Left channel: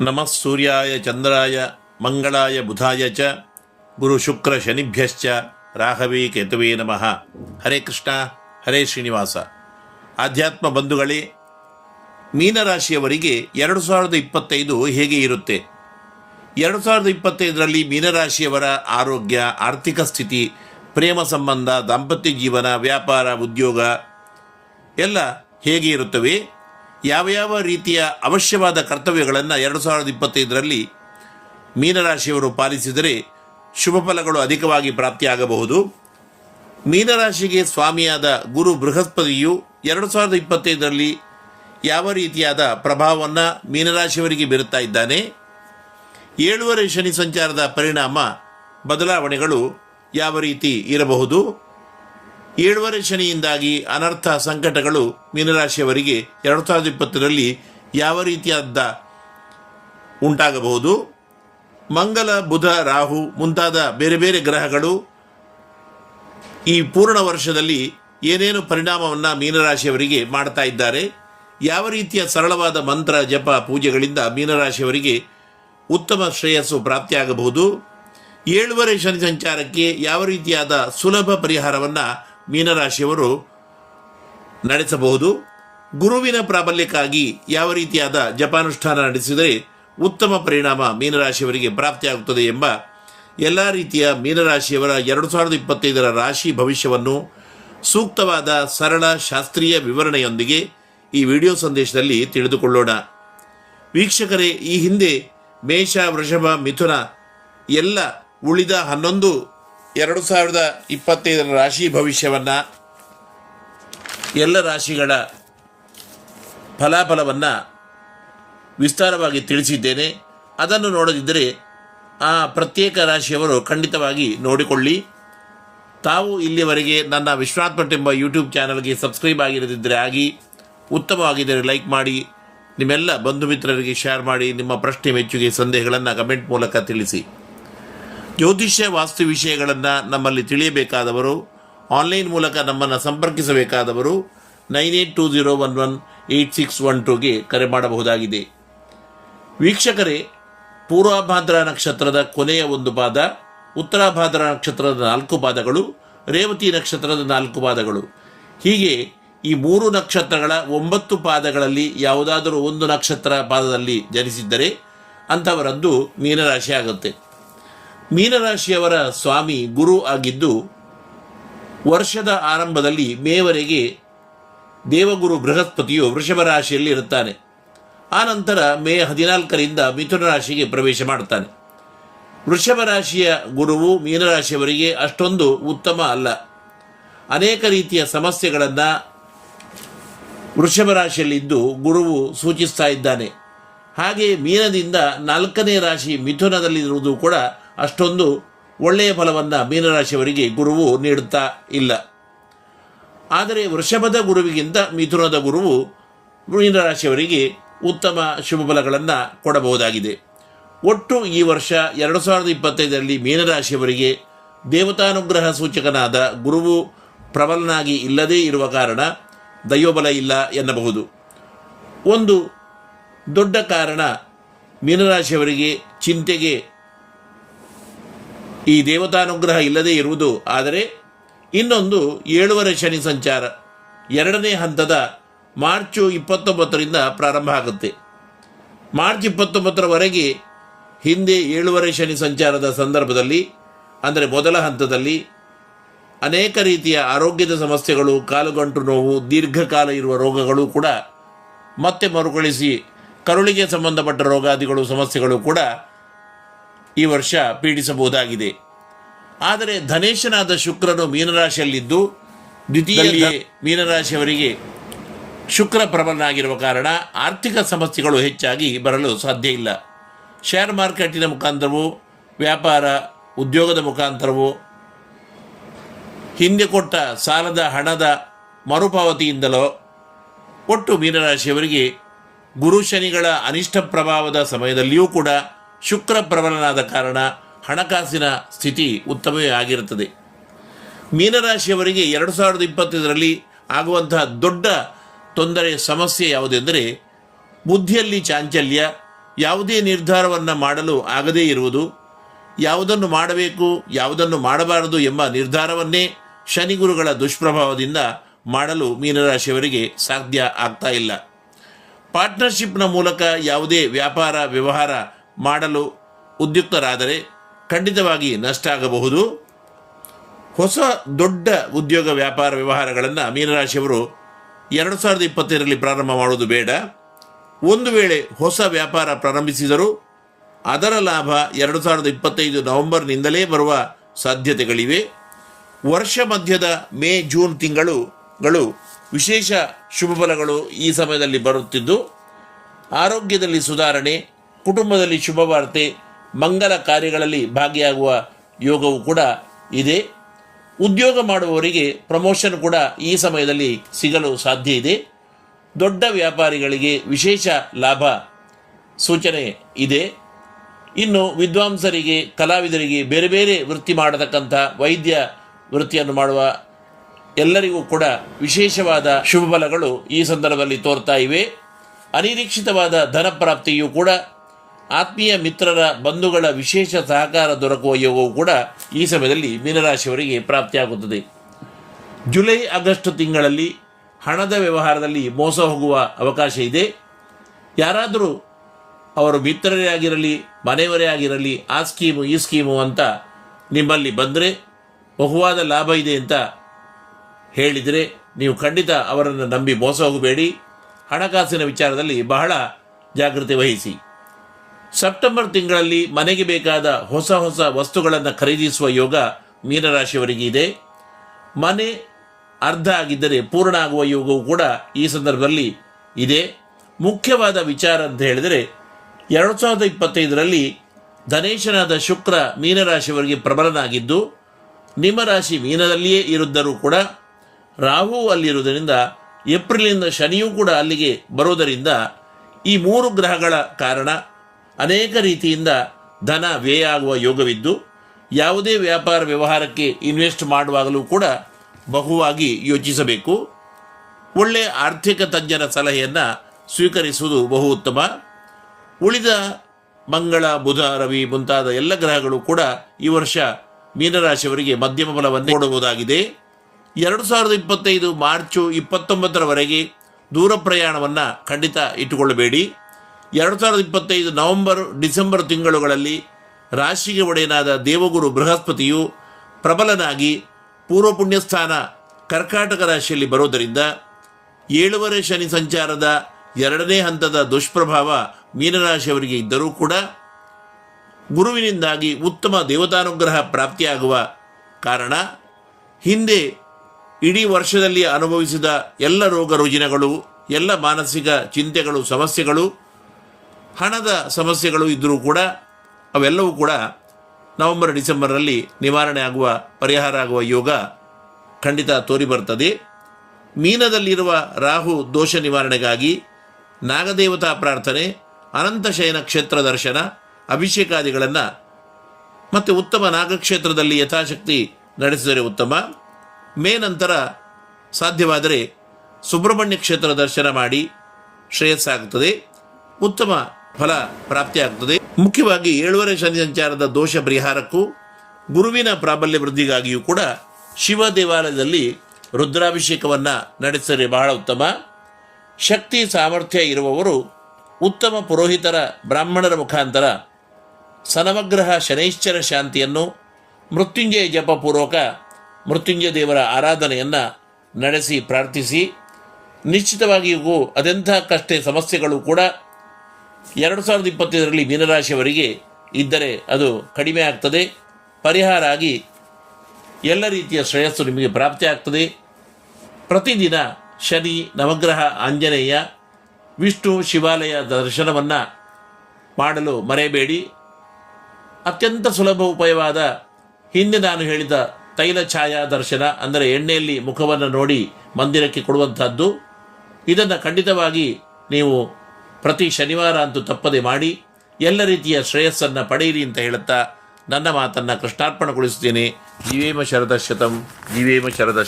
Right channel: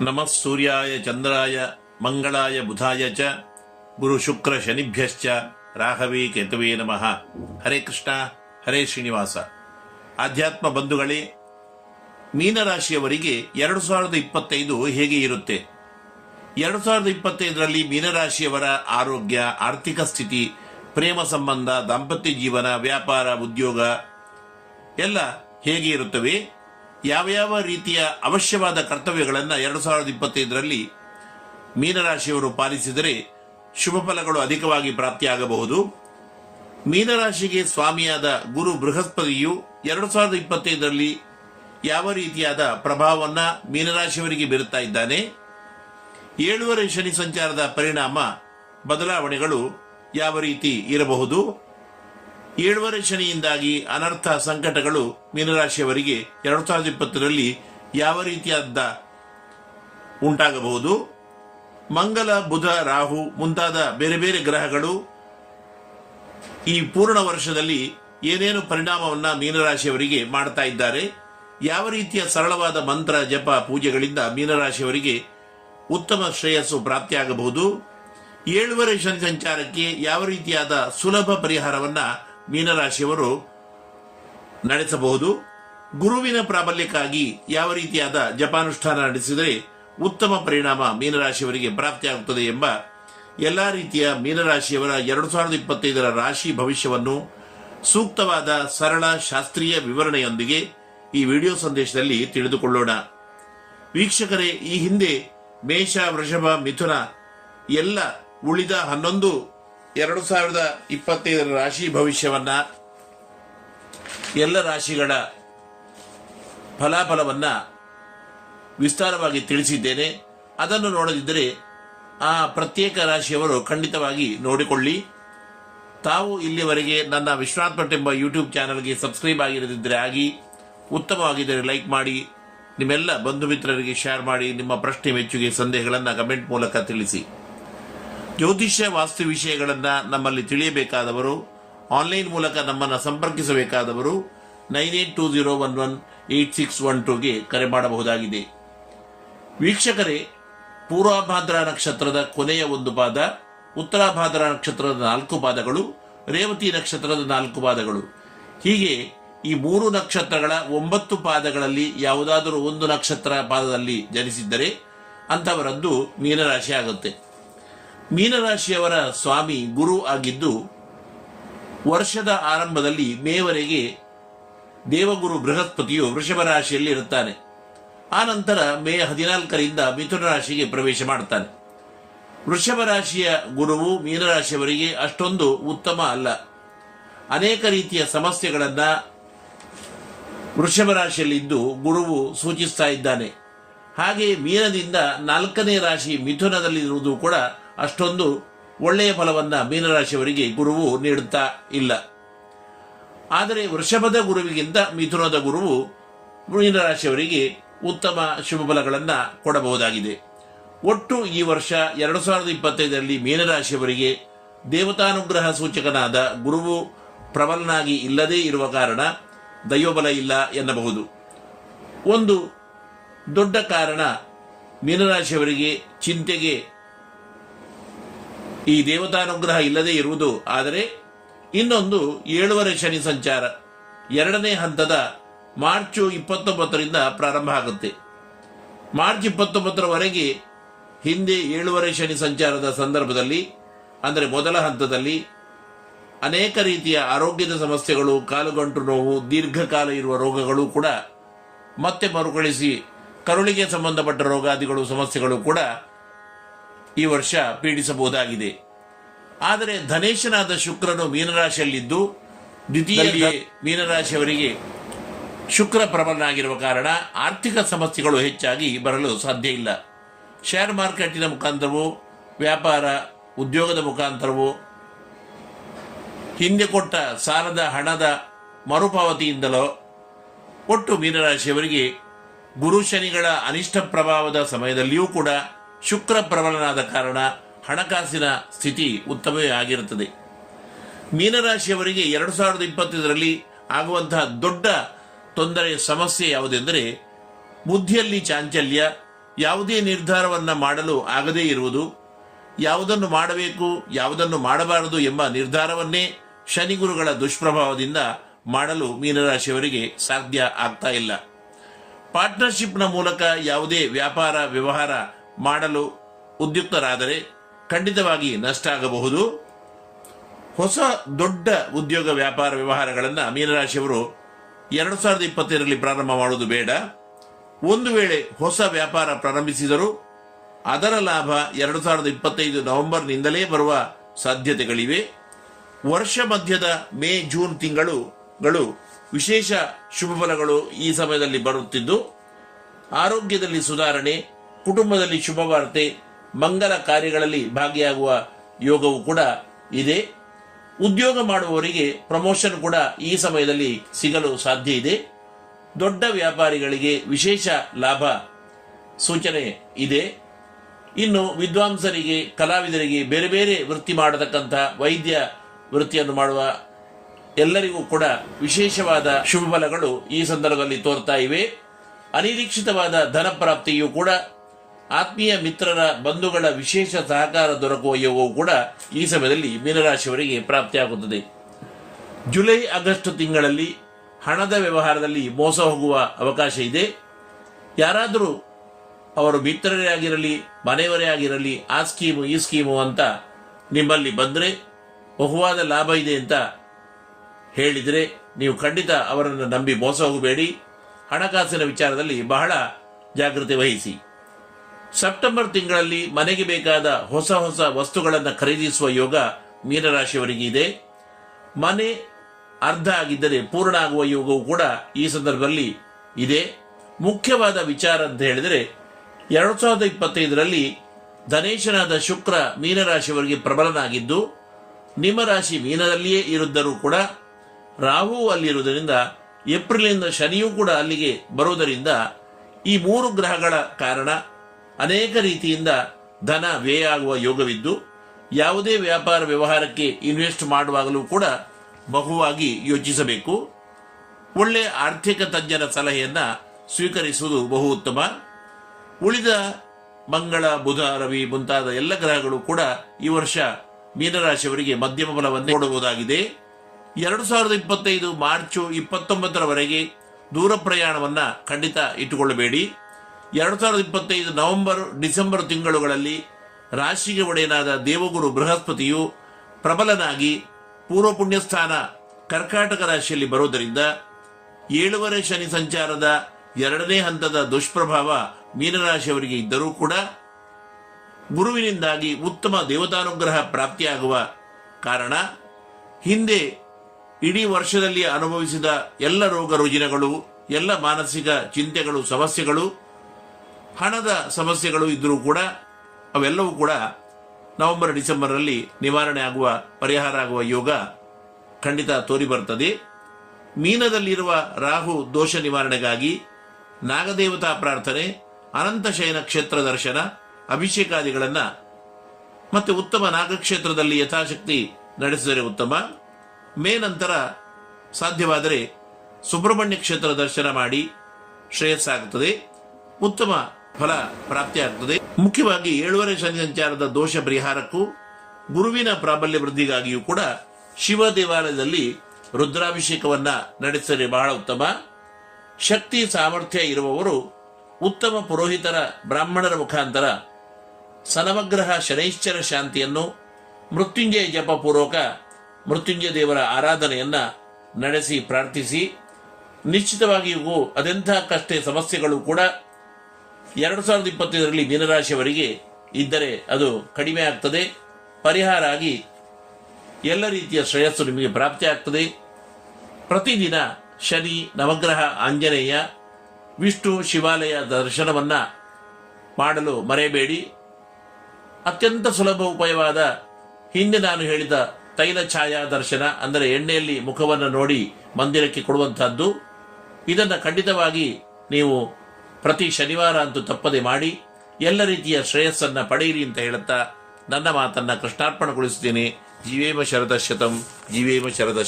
ನಮಃ ಸೂರ್ಯಾಯ ಚಂದ್ರಾಯ ಮಂಗಳಾಯ ಬುಧಾಯ ಚ ಗುರು ಶುಕ್ರ ಶನಿಭ್ಯಶ್ಚ ರಾಹವೇ ಕೇತವೇ ನಮಃ. ಹರೇ ಕೃಷ್ಣ, ಹರೇ ಶ್ರೀನಿವಾಸ. ಆಧ್ಯಾತ್ಮ ಬಂಧುಗಳೇ, ಮೀನರಾಶಿಯವರಿಗೆ 2025 ಹೇಗೆ ಇರುತ್ತೆ? 2025ರಲ್ಲಿ ಮೀನರಾಶಿಯವರ ಆರೋಗ್ಯ, ಆರ್ಥಿಕ ಸ್ಥಿತಿ, ಪ್ರೇಮ ಸಂಬಂಧ, ದಾಂಪತ್ಯ ಜೀವನ, ವ್ಯಾಪಾರ, ಉದ್ಯೋಗ ಎಲ್ಲ ಹೇಗೆ ಇರುತ್ತವೆ? ಯಾವ ರೀತಿಯ ಅವಶ್ಯವಾದ ಕರ್ತವ್ಯಗಳನ್ನು 2025ರಲ್ಲಿ ಮೀನರಾಶಿಯವರು ಪಾಲಿಸಿದರೆ ಶುಭ ಫಲಗಳು ಅಧಿಕವಾಗಿ ಪ್ರಾಪ್ತಿಯಾಗಬಹುದು. ಮೀನರಾಶಿಗೆ ಸ್ವಾಮಿಯಾದ ಗುರು ಬೃಹಸ್ಪತಿಯು 2025ರಲ್ಲಿ ಯಾವ ರೀತಿಯಾದ ಪ್ರಭಾವವನ್ನು ಮೀನರಾಶಿಯವರಿಗೆ ಬೀರುತ್ತಾ ಇದ್ದಾನೆ? 7ನೇ ಶನಿ ಸಂಚಾರದ ಪರಿಣಾಮ ಬದಲಾವಣೆಗಳು ಯಾವ ರೀತಿ ಇರಬಹುದು? 7ನೇ ಶನಿಯಿಂದಾಗಿ ಅನರ್ಥ ಸಂಕಟಗಳು ಮೀನರಾಶಿಯವರಿಗೆ 2020ರಲ್ಲಿ ಯಾವ ರೀತಿಯಾದ ಉಂಟಾಗಬಹುದು? ಮಂಗಲ, ಬುಧ, ರಾಹು ಮುಂತಾದ ಬೇರೆ ಬೇರೆ ಗ್ರಹಗಳು ಈ ಪೂರ್ಣ ವರ್ಷದಲ್ಲಿ ಏನೇನು ಪರಿಣಾಮವನ್ನು ಮೀನರಾಶಿಯವರಿಗೆ ಮಾಡ್ತಾ ಇದ್ದಾರೆ? ಯಾವ ರೀತಿಯ ಸರಳವಾದ ಮಂತ್ರ, ಜಪ, ಪೂಜೆಗಳಿಂದ ಮೀನರಾಶಿಯವರಿಗೆ ಉತ್ತಮ ಶ್ರೇಯಸ್ಸು ಪ್ರಾಪ್ತಿಯಾಗಬಹುದು? 7ನೇ ಶನಿ ಸಂಚಾರಕ್ಕೆ ಯಾವ ರೀತಿಯಾದ ಸುಲಭ ಪರಿಹಾರವನ್ನು ಮೀನರಾಶಿಯವರು ನಡೆಸಬಹುದು? ಗುರುವಿನ ಪ್ರಾಬಲ್ಯಕ್ಕಾಗಿ ಯಾವ ರೀತಿಯಾದ ಜಪಾನುಷ್ಠಾನ ನಡೆಸಿದರೆ ಉತ್ತಮ ಪರಿಣಾಮ ಮೀನರಾಶಿಯವರಿಗೆ ಪ್ರಾಪ್ತಿಯಾಗುತ್ತದೆ ಎಂಬ ಎಲ್ಲ ರೀತಿಯ ಮೀನರಾಶಿಯವರ 2025ರ ರಾಶಿ ಭವಿಷ್ಯವನ್ನು ಸೂಕ್ತವಾದ ಸರಳ ಶಾಸ್ತ್ರೀಯ ವಿವರಣೆಯೊಂದಿಗೆ ಈ ವಿಡಿಯೋ ಸಂದೇಶದಲ್ಲಿ ತಿಳಿದುಕೊಳ್ಳೋಣ. ವೀಕ್ಷಕರೇ, ಈ ಹಿಂದೆ ಮೇಷ, ವೃಷಭ, ಮಿಥುನ ಎಲ್ಲ ಉಳಿದ 11 2025ರ ರಾಶಿ ಭವಿಷ್ಯವನ್ನು, ಎಲ್ಲ ರಾಶಿಗಳ ಫಲಾಫಲವನ್ನು ವಿಸ್ತಾರವಾಗಿ ತಿಳಿಸಿದ್ದೇನೆ. ಅದನ್ನು ನೋಡದಿದ್ದರೆ ಆ ಪ್ರತ್ಯೇಕ ರಾಶಿಯವರು ಖಂಡಿತವಾಗಿ ನೋಡಿಕೊಳ್ಳಿ. ತಾವು ಇಲ್ಲಿಯವರೆಗೆ ನನ್ನ ವಿಶ್ವನಾಥ್ ಭಟ್ ಎಂಬ ಯೂಟ್ಯೂಬ್ ಚಾನಲ್ಗೆ ಸಬ್ಸ್ಕ್ರೈಬ್ ಆಗಿರದಿದ್ದರೆ ಆಗಿ, ಉತ್ತಮವಾಗಿದ್ದರೆ ಲೈಕ್ ಮಾಡಿ, ನಿಮ್ಮೆಲ್ಲ ಬಂಧು ಮಿತ್ರರಿಗೆ ಶೇರ್ ಮಾಡಿ, ನಿಮ್ಮ ಪ್ರಶ್ನೆ, ಮೆಚ್ಚುಗೆ, ಸಂದೇಹಗಳನ್ನು ಕಮೆಂಟ್ ಮೂಲಕ ತಿಳಿಸಿ. ಜ್ಯೋತಿಷ್ಯ, ವಾಸ್ತು ವಿಷಯಗಳನ್ನು ನಮ್ಮಲ್ಲಿ ತಿಳಿಯಬೇಕಾದವರು, ಆನ್ಲೈನ್ ಮೂಲಕ ನಮ್ಮನ್ನು ಸಂಪರ್ಕಿಸಬೇಕಾದವರು 9820118612ಗೆ ಕರೆ ಮಾಡಬಹುದಾಗಿದೆ. ವೀಕ್ಷಕರೇ, ಪೂರ್ವಭಾದ್ರ ನಕ್ಷತ್ರದ ಕೊನೆಯ ಒಂದು ಪಾದ, ಉತ್ತರಾಭಾದ್ರ ನಕ್ಷತ್ರದ 4 ಪಾದಗಳು, ರೇವತಿ ನಕ್ಷತ್ರದ 4 ಪಾದಗಳು, ಹೀಗೆ ಈ 3 ನಕ್ಷತ್ರಗಳ 9 ಪಾದಗಳಲ್ಲಿ ಯಾವುದಾದರೂ ಒಂದು ನಕ್ಷತ್ರ ಪಾದದಲ್ಲಿ ಜನಿಸಿದ್ದರೆ ಅಂಥವರದ್ದು ಮೀನರಾಶಿ ಆಗುತ್ತೆ. ಮೀನರಾಶಿಯವರ ಸ್ವಾಮಿ ಗುರು ಆಗಿದ್ದು, ವರ್ಷದ ಆರಂಭದಲ್ಲಿ ಮೇವರೆಗೆ ದೇವಗುರು ಬೃಹಸ್ಪತಿಯು ವೃಷಭ ರಾಶಿಯಲ್ಲಿ ಇರುತ್ತಾನೆ. ಆ ನಂತರ ಮೇ 14ರಿಂದ ಮಿಥುನ ರಾಶಿಗೆ ಪ್ರವೇಶ ಮಾಡ್ತಾನೆ. ವೃಷಭ ರಾಶಿಯ ಗುರುವು ಮೀನರಾಶಿಯವರಿಗೆ ಅಷ್ಟೊಂದು ಉತ್ತಮ ಅಲ್ಲ. ಅನೇಕ ರೀತಿಯ ಸಮಸ್ಯೆಗಳನ್ನು ವೃಷಭ ರಾಶಿಯಲ್ಲಿದ್ದು ಗುರುವು ಸೂಚಿಸ್ತಾ ಇದ್ದಾನೆ. ಹಾಗೆ ಮೀನದಿಂದ 4ನೇ ರಾಶಿ ಮಿಥುನದಲ್ಲಿರುವುದು ಕೂಡ ಅಷ್ಟೊಂದು ಒಳ್ಳೆಯ ಫಲವನ್ನು ಮೀನರಾಶಿಯವರಿಗೆ ಗುರುವು ನೀಡುತ್ತಾ ಇಲ್ಲ. ಆದರೆ ವೃಷಭದ ಗುರುವಿಗಿಂತ ಮಿಥುನದ ಗುರುವು ಮೀನರಾಶಿಯವರಿಗೆ ಉತ್ತಮ ಶುಭ ಫಲಗಳನ್ನು ಕೊಡಬಹುದಾಗಿದೆ. ಒಟ್ಟು ಈ ವರ್ಷ 2025ರಲ್ಲಿ ಮೀನರಾಶಿಯವರಿಗೆ ದೇವತಾನುಗ್ರಹ ಸೂಚಕನಾದ ಗುರುವು ಪ್ರಬಲನಾಗಿ ಇಲ್ಲದೇ ಇರುವ ಕಾರಣ ದೈವಬಲ ಇಲ್ಲ ಎನ್ನಬಹುದು. ಒಂದು ದೊಡ್ಡ ಕಾರಣ ಮೀನರಾಶಿಯವರಿಗೆ ಚಿಂತೆಗೆ ಈ ದೇವತಾನುಗ್ರಹ ಇಲ್ಲದೇ ಇರುವುದು. ಆದರೆ ಇನ್ನೊಂದು 7ನೇ ಶನಿ ಸಂಚಾರ 2ನೇ ಹಂತದ ಮಾರ್ಚ್ 29ರಿಂದ ಪ್ರಾರಂಭ ಆಗುತ್ತೆ. ಮಾರ್ಚ್ 29ರವರೆಗೆ ಹಿಂದೆ 7ನೇ ಶನಿ ಸಂಚಾರದ ಸಂದರ್ಭದಲ್ಲಿ, ಅಂದರೆ ಮೊದಲ ಹಂತದಲ್ಲಿ ಅನೇಕ ರೀತಿಯ ಆರೋಗ್ಯದ ಸಮಸ್ಯೆಗಳು, ಕಾಲುಗಂಟು ನೋವು, ದೀರ್ಘಕಾಲ ಇರುವ ರೋಗಗಳು ಕೂಡ ಮತ್ತೆ ಮರುಕಳಿಸಿ ಕರುಳಿಗೆ ಸಂಬಂಧಪಟ್ಟ ರೋಗಾದಿಗಳು, ಸಮಸ್ಯೆಗಳು ಕೂಡ ಈ ವರ್ಷ ಪೀಡಿಸಬಹುದಾಗಿದೆ. ಆದರೆ ಧನೇಶನಾದ ಶುಕ್ರನು ಮೀನರಾಶಿಯಲ್ಲಿದ್ದು, ದ್ವಿತೀಯ ಮೀನರಾಶಿಯವರಿಗೆ ಶುಕ್ರ ಪ್ರಬಲನಾಗಿರುವ ಕಾರಣ ಆರ್ಥಿಕ ಸಮಸ್ಯೆಗಳು ಹೆಚ್ಚಾಗಿ ಬರಲು ಸಾಧ್ಯ ಇಲ್ಲ. ಶೇರ್ ಮಾರ್ಕೆಟಿನ ಮುಖಾಂತರವೋ, ವ್ಯಾಪಾರ ಉದ್ಯೋಗದ ಮುಖಾಂತರವೋ, ಹಿಂದೆ ಕೊಟ್ಟ ಸಾಲದ ಹಣದ ಮರುಪಾವತಿಯಿಂದಲೋ ಒಟ್ಟು ಮೀನರಾಶಿಯವರಿಗೆ ಗುರು ಶನಿಗಳ ಅನಿಷ್ಟ ಪ್ರಭಾವದ ಸಮಯದಲ್ಲಿಯೂ ಕೂಡ ಶುಕ್ರ ಪ್ರಬಲನಾದ ಕಾರಣ ಹಣಕಾಸಿನ ಸ್ಥಿತಿ ಉತ್ತಮವೇ ಆಗಿರುತ್ತದೆ. ಮೀನರಾಶಿಯವರಿಗೆ 2025ರಲ್ಲಿ ಆಗುವಂತಹ ದೊಡ್ಡ ತೊಂದರೆ, ಸಮಸ್ಯೆ ಯಾವುದೆಂದರೆ ಬುದ್ಧಿಯಲ್ಲಿ ಚಾಂಚಲ್ಯ, ಯಾವುದೇ ನಿರ್ಧಾರವನ್ನು ಮಾಡಲು ಆಗದೇ ಇರುವುದು, ಯಾವುದನ್ನು ಮಾಡಬೇಕು ಯಾವುದನ್ನು ಮಾಡಬಾರದು ಎಂಬ ನಿರ್ಧಾರವನ್ನೇ ಶನಿಗುರುಗಳ ದುಷ್ಪ್ರಭಾವದಿಂದ ಮಾಡಲು ಮೀನರಾಶಿಯವರಿಗೆ ಸಾಧ್ಯ ಆಗ್ತಾ ಇಲ್ಲ. ಪಾರ್ಟ್ನರ್ಶಿಪ್ನ ಮೂಲಕ ಯಾವುದೇ ವ್ಯಾಪಾರ ವ್ಯವಹಾರ ಮಾಡಲು ಉದ್ಯುಕ್ತರಾದರೆ ಖಂಡಿತವಾಗಿ ನಷ್ಟ ಆಗಬಹುದು. ಹೊಸ ದೊಡ್ಡ ಉದ್ಯೋಗ ವ್ಯಾಪಾರ ವ್ಯವಹಾರಗಳನ್ನು ಮೀನರಾಶಿಯವರು 2025ರಲ್ಲಿ ಪ್ರಾರಂಭ ಮಾಡುವುದು ಬೇಡ. ಒಂದು ವೇಳೆ ಹೊಸ ವ್ಯಾಪಾರ ಪ್ರಾರಂಭಿಸಿದರೂ ಅದರ ಲಾಭ 2025 ನವೆಂಬರ್ನಿಂದಲೇ ಬರುವ ಸಾಧ್ಯತೆಗಳಿವೆ. ವರ್ಷ ಮಧ್ಯದ ಮೇ ಜೂನ್ ತಿಂಗಳುಗಳು ವಿಶೇಷ ಶುಭ ಫಲಗಳು ಈ ಸಮಯದಲ್ಲಿ ಬರುತ್ತಿದ್ದು, ಆರೋಗ್ಯದಲ್ಲಿ ಸುಧಾರಣೆ, ಕುಟುಂಬದಲ್ಲಿ ಶುಭ ವಾರ್ತೆ, ಮಂಗಲ ಕಾರ್ಯಗಳಲ್ಲಿ ಭಾಗಿಯಾಗುವ ಯೋಗವು ಕೂಡ ಇದೆ. ಉದ್ಯೋಗ ಮಾಡುವವರಿಗೆ ಪ್ರಮೋಷನ್ ಕೂಡ ಈ ಸಮಯದಲ್ಲಿ ಸಿಗಲು ಸಾಧ್ಯ ಇದೆ. ದೊಡ್ಡ ವ್ಯಾಪಾರಿಗಳಿಗೆ ವಿಶೇಷ ಲಾಭ ಸೂಚನೆ ಇದೆ. ಇನ್ನು ವಿದ್ವಾಂಸರಿಗೆ, ಕಲಾವಿದರಿಗೆ, ಬೇರೆ ಬೇರೆ ವೃತ್ತಿ ಮಾಡತಕ್ಕಂಥ ವೈದ್ಯ ವೃತ್ತಿಯನ್ನು ಮಾಡುವ ಎಲ್ಲರಿಗೂ ಕೂಡ ವಿಶೇಷವಾದ ಶುಭ ಫಲಗಳು ಈ ಸಂದರ್ಭದಲ್ಲಿ ತೋರ್ತಾ ಇವೆ. ಅನಿರೀಕ್ಷಿತವಾದ ಧನ ಪ್ರಾಪ್ತಿಯೂ ಕೂಡ, ಆತ್ಮೀಯ ಮಿತ್ರರ ಬಂಧುಗಳ ವಿಶೇಷ ಸಹಕಾರ ದೊರಕುವ ಯೋಗವು ಕೂಡ ಈ ಸಮಯದಲ್ಲಿ ಮೀನರಾಶಿಯವರಿಗೆ ಪ್ರಾಪ್ತಿಯಾಗುತ್ತದೆ. ಜುಲೈ ಆಗಸ್ಟ್ ತಿಂಗಳಲ್ಲಿ ಹಣದ ವ್ಯವಹಾರದಲ್ಲಿ ಮೋಸ ಹೋಗುವ ಅವಕಾಶ ಇದೆ. ಯಾರಾದರೂ ಅವರು ಮಿತ್ರರೇ ಆಗಿರಲಿ, ಮನೆಯವರೇ ಆಗಿರಲಿ, ಆ ಸ್ಕೀಮು ಈ ಸ್ಕೀಮು ಅಂತ ನಿಮ್ಮಲ್ಲಿ ಬಂದರೆ ಬಹುವಾದ ಲಾಭ ಇದೆ ಅಂತ ಹೇಳಿದರೆ ನೀವು ಖಂಡಿತ ಅವರನ್ನು ನಂಬಿ ಮೋಸ ಹೋಗಬೇಡಿ. ಹಣಕಾಸಿನ ವಿಚಾರದಲ್ಲಿ ಬಹಳ ಜಾಗೃತಿ ವಹಿಸಿ. ಸೆಪ್ಟೆಂಬರ್ ತಿಂಗಳಲ್ಲಿ ಮನೆಗೆ ಬೇಕಾದ ಹೊಸ ಹೊಸ ವಸ್ತುಗಳನ್ನು ಖರೀದಿಸುವ ಯೋಗ ಮೀನರಾಶಿಯವರಿಗೆ ಇದೆ. ಮನೆ ಅರ್ಧ ಆಗಿದ್ದರೆ ಪೂರ್ಣ ಆಗುವ ಯೋಗವು ಕೂಡ ಈ ಸಂದರ್ಭದಲ್ಲಿ ಇದೆ. ಮುಖ್ಯವಾದ ವಿಚಾರ ಅಂತ ಹೇಳಿದರೆ 2025ರಲ್ಲಿ ಧನೇಶನಾದ ಶುಕ್ರ ಮೀನರಾಶಿಯವರಿಗೆ ಪ್ರಬಲನಾಗಿದ್ದು, ನಿಮ್ಮ ರಾಶಿ ಮೀನದಲ್ಲಿಯೇ ಇರುದ್ದರೂ ಕೂಡ ರಾಹು ಅಲ್ಲಿರುವುದರಿಂದ, ಏಪ್ರಿಲ್ನಿಂದ ಶನಿಯೂ ಕೂಡ ಅಲ್ಲಿಗೆ ಬರುವುದರಿಂದ ಈ 3 ಗ್ರಹಗಳ ಕಾರಣ ಅನೇಕ ರೀತಿಯಿಂದ ಧನ ವ್ಯಯ ಆಗುವ ಯೋಗವಿದ್ದು, ಯಾವುದೇ ವ್ಯಾಪಾರ ವ್ಯವಹಾರಕ್ಕೆ ಇನ್ವೆಸ್ಟ್ ಮಾಡುವಾಗಲೂ ಕೂಡ ಬಹುವಾಗಿ ಯೋಚಿಸಬೇಕು. ಒಳ್ಳೆಯ ಆರ್ಥಿಕ ತಜ್ಞರ ಸಲಹೆಯನ್ನು ಸ್ವೀಕರಿಸುವುದು ಬಹು ಉತ್ತಮ. ಉಳಿದ ಮಂಗಳ, ಬುಧ, ರವಿ ಮುಂತಾದ ಎಲ್ಲ ಗ್ರಹಗಳು ಕೂಡ ಈ ವರ್ಷ ಮೀನರಾಶಿಯವರಿಗೆ ಮಧ್ಯಮ ಫಲವನ್ನು ಕೊಡಬಹುದಾಗಿದೆ. 2025 ಮಾರ್ಚ್ 29ರವರೆಗೆ ದೂರ ಪ್ರಯಾಣವನ್ನು ಖಂಡಿತ ಇಟ್ಟುಕೊಳ್ಳಬೇಡಿ. 2025 ನವೆಂಬರ್ ಡಿಸೆಂಬರ್ ತಿಂಗಳುಗಳಲ್ಲಿ ರಾಶಿಗೆ ಒಡೆಯನಾದ ದೇವಗುರು ಬೃಹಸ್ಪತಿಯು ಪ್ರಬಲನಾಗಿ ಪೂರ್ವ ಪುಣ್ಯಸ್ಥಾನ ಕರ್ಕಾಟಕ ರಾಶಿಯಲ್ಲಿ ಬರುವುದರಿಂದ 7ನೇ ಶನಿ ಸಂಚಾರದ 2ನೇ ಹಂತದ ದುಷ್ಪ್ರಭಾವ ಮೀನರಾಶಿಯವರಿಗೆ ಇದ್ದರೂ ಕೂಡ ಗುರುವಿನಿಂದಾಗಿ ಉತ್ತಮ ದೇವತಾನುಗ್ರಹ ಪ್ರಾಪ್ತಿಯಾಗುವ ಕಾರಣ ಹಿಂದೆ ಇಡೀ ವರ್ಷದಲ್ಲಿ ಅನುಭವಿಸಿದ ಎಲ್ಲ ರೋಗ ರುಜಿನಗಳು, ಎಲ್ಲ ಮಾನಸಿಕ ಚಿಂತೆಗಳು, ಸಮಸ್ಯೆಗಳು, ಹಣದ ಸಮಸ್ಯೆಗಳು ಇದ್ದರೂ ಕೂಡ ಅವೆಲ್ಲವೂ ಕೂಡ ನವೆಂಬರ್ ಡಿಸೆಂಬರ್ನಲ್ಲಿ ನಿವಾರಣೆ ಆಗುವ, ಪರಿಹಾರ ಆಗುವ ಯೋಗ ಖಂಡಿತ ತೋರಿ ಬರ್ತದೆ. ಮೀನದಲ್ಲಿರುವ ರಾಹು ದೋಷ ನಿವಾರಣೆಗಾಗಿ ನಾಗದೇವತಾ ಪ್ರಾರ್ಥನೆ, ಅನಂತಶಯನ ಕ್ಷೇತ್ರ ದರ್ಶನ, ಅಭಿಷೇಕಾದಿಗಳನ್ನು ಮತ್ತು ಉತ್ತಮ ನಾಗಕ್ಷೇತ್ರದಲ್ಲಿ ಯಥಾಶಕ್ತಿ ನಡೆಸಿದರೆ ಉತ್ತಮ. ಮೇ ನಂತರ ಸಾಧ್ಯವಾದರೆ ಸುಬ್ರಹ್ಮಣ್ಯ ಕ್ಷೇತ್ರ ದರ್ಶನ ಮಾಡಿ ಶ್ರೇಯಸ್ಸಾಗುತ್ತದೆ, ಉತ್ತಮ ಫಲ ಪ್ರಾಪ್ತಿಯಾಗುತ್ತದೆ. ಮುಖ್ಯವಾಗಿ 7ನೇ ಶನಿ ಸಂಚಾರದ ದೋಷ ಪರಿಹಾರಕ್ಕೂ ಗುರುವಿನ ಪ್ರಾಬಲ್ಯ ವೃದ್ಧಿಗಾಗಿಯೂ ಕೂಡ ಶಿವ ದೇವಾಲಯದಲ್ಲಿ ರುದ್ರಾಭಿಷೇಕವನ್ನು ನಡೆಸಿದರೆ ಬಹಳ ಉತ್ತಮ. ಶಕ್ತಿ ಸಾಮರ್ಥ್ಯ ಇರುವವರು ಉತ್ತಮ ಪುರೋಹಿತರ, ಬ್ರಾಹ್ಮಣರ ಮುಖಾಂತರ ಸನವಗ್ರಹ ಶನೈಶ್ಚರ ಶಾಂತಿಯನ್ನು, ಮೃತ್ಯುಂಜಯ ಜಪಪೂರ್ವಕ ಮೃತ್ಯುಂಜಯ ದೇವರ ಆರಾಧನೆಯನ್ನು ನಡೆಸಿ ಪ್ರಾರ್ಥಿಸಿ. ನಿಶ್ಚಿತವಾಗಿಯೂ ಅದೆಂಥ ಕಷ್ಟ ಸಮಸ್ಯೆಗಳು ಕೂಡ 2025ರಲ್ಲಿ ಮೀನರಾಶಿಯವರಿಗೆ ಇದ್ದರೆ ಅದು ಕಡಿಮೆ ಆಗ್ತದೆ, ಪರಿಹಾರ ಆಗಿ ಎಲ್ಲ ರೀತಿಯ ಶ್ರೇಯಸ್ಸು ನಿಮಗೆ ಪ್ರಾಪ್ತಿ ಆಗ್ತದೆ. ಪ್ರತಿದಿನ ಶನಿ, ನವಗ್ರಹ, ಆಂಜನೇಯ, ವಿಷ್ಣು, ಶಿವಾಲಯ ದರ್ಶನವನ್ನು ಮಾಡಲು ಮರೆಯಬೇಡಿ. ಅತ್ಯಂತ ಸುಲಭ ಉಪಾಯವಾದ ಹಿಂದೆ ನಾನು ಹೇಳಿದ ತೈಲ ಛಾಯಾ ದರ್ಶನ, ಅಂದರೆ ಎಣ್ಣೆಯಲ್ಲಿ ಮುಖವನ್ನು ನೋಡಿ ಮಂದಿರಕ್ಕೆ ಕೊಡುವಂತಹದ್ದು, ಇದನ್ನು ಖಂಡಿತವಾಗಿ ನೀವು ಪ್ರತಿ ಶನಿವಾರ ಅಂತೂ ತಪ್ಪದೆ ಮಾಡಿ ಎಲ್ಲ ರೀತಿಯ ಶ್ರೇಯಸ್ಸನ್ನು ಪಡೆಯಿರಿ ಅಂತ ಹೇಳುತ್ತಾ ನನ್ನ ಮಾತನ್ನು ಕೃಷ್ಣಾರ್ಪಣಗೊಳಿಸುತ್ತೇನೆ. ಜೀವೇಮ ಶರದಶತಂ, ಜೀವೇಮ ಶರದಶತಂ.